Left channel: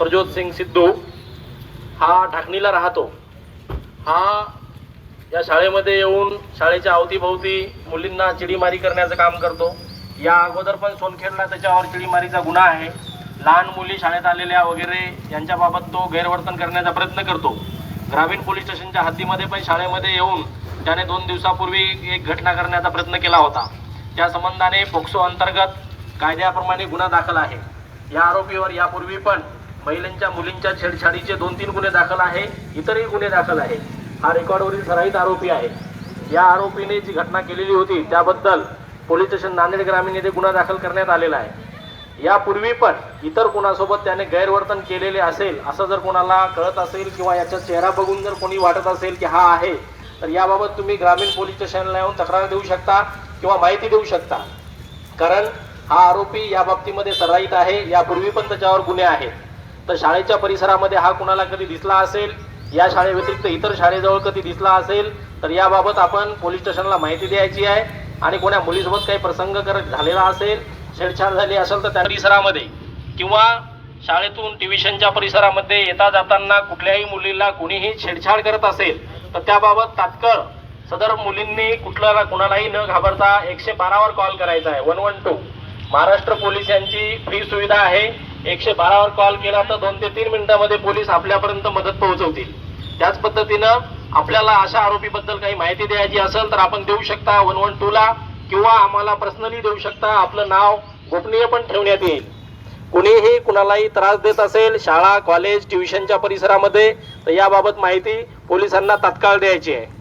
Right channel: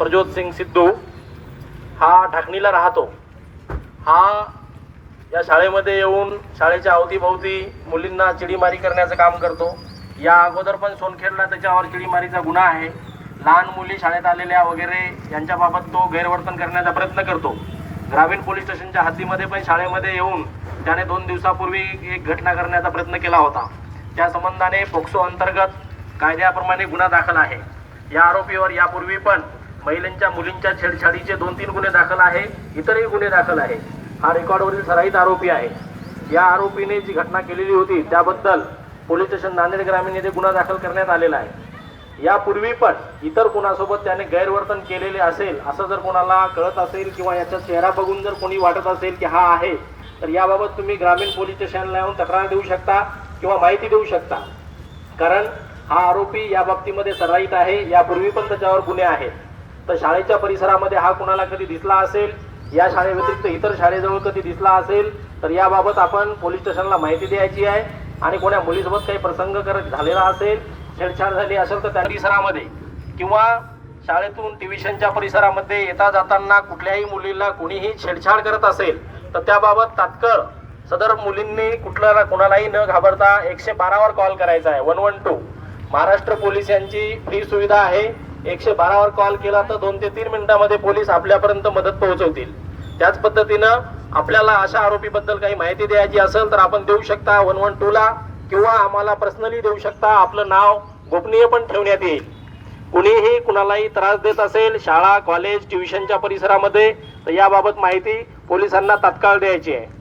प्रज्योत सिंग सिद्धू हा ढाकणीला राहतो। हा या शाळेमध्ये येऊन शाळेच्या अवतीभोवती मुलींना चिडीमारी करण्याचं काम करतो। या अगोदर पण सोनखेडला त्याच्यावर चिडीमारीचा गुन्हा आहे। लहान मुली शाळेत आलेल्या वगैरे यांच्याबाबत तो गैरवर्तन करण्याचा प्रयत्न करतो। ग्रामीण पोलीस स्टेशनच्या हद्दीमध्ये पण शाळेमध्ये येऊन त्याने 2 दिवसापूर्वी एक घटना करण्याचा प्रयत्न केला होता। त्या संबंधाने पोक्सो अंतर्गत कायद्याप्रमाणे गुन्हा दाखल आहे। या आरोपीवर यापूर्वी पण महिलांच्या मुलींच्या छेडछाडीचे 2-3 गुन्हे दाखल आहे, इतरही गुन्हे दाखल आहे। हा रेकॉर्डवरील सराईत आरोपी आहे। या आरोपीने जी घटना केलेली होती त्याबद्दल पोलीस स्टेशन नांदेड ग्रामीण येथे गुन्हा दाखल करण्यात आलेला आहे। यापूर्वी पण इतर कोणासोबत त्याने गैरवर्तन केलेले असेल असं जर कोणाला कळत असेल किंवा याचा चेहरा बघून जर कोणी वाटत असेल की हा आहे, तर याबाबत तुम्ही ग्रामीण पोलीस स्टेशनला येऊन तक्रार देऊ शकता किंवा माहिती देऊ शकता। कारण हा आरोपी या बाबतीमध्ये सराईत आहे, यापूर्वी पण त्याच्यावर गुन्हे आहेत। तर शाळेच्या परिसरामध्ये हा कुणाला कधी दिसला असेल, या शाळेव्यतिरिक्त इतर शाळेजवळ कधी दिसला असेल, तर याबाबत आपण पोलीस स्टेशनला माहिती द्यायची आहे। आणि कोणा मुलीसोबत काही प्रसंग झालेला असेल, छेडछाड झाली असेल, तर त्या परिसरामध्ये किंवा शाळेतून ट्युशनच्या परिसरामध्ये येता जाताना कुठल्याही मुलीला कुणीही छेडछाड करत असेल, तर त्याबाबत तात्काळ सदर मुलींनी कोणालाही न घाबरता 112 वर कॉल करायचा आहे। 112 महाराष्ट्र पोलीस यांची फ्री सुविधा आहे। 112 वर कॉल केला तर 2 ते 3 मिनिटांमध्ये पोलीस आपल्यापर्यंत मदत पोहोचवतील। त्याच पद्धतीनं आपल्याला अशा आरोपीबद्दल काही माहिती द्यायची असेल तर आपण देऊ शकता 112 ला, किंवा आम्हाला पर्सनली देऊ शकता। आपलं नाव गोपनीय पण ठेवण्यात येईल। कुणीही कुणालाही त्रास देत असेल शाळा, कॉलेज, ट्युशनच्या परिसरामध्ये, तर याबाबत माहिती पोलिसांना तात्काळ द्यायची आहे।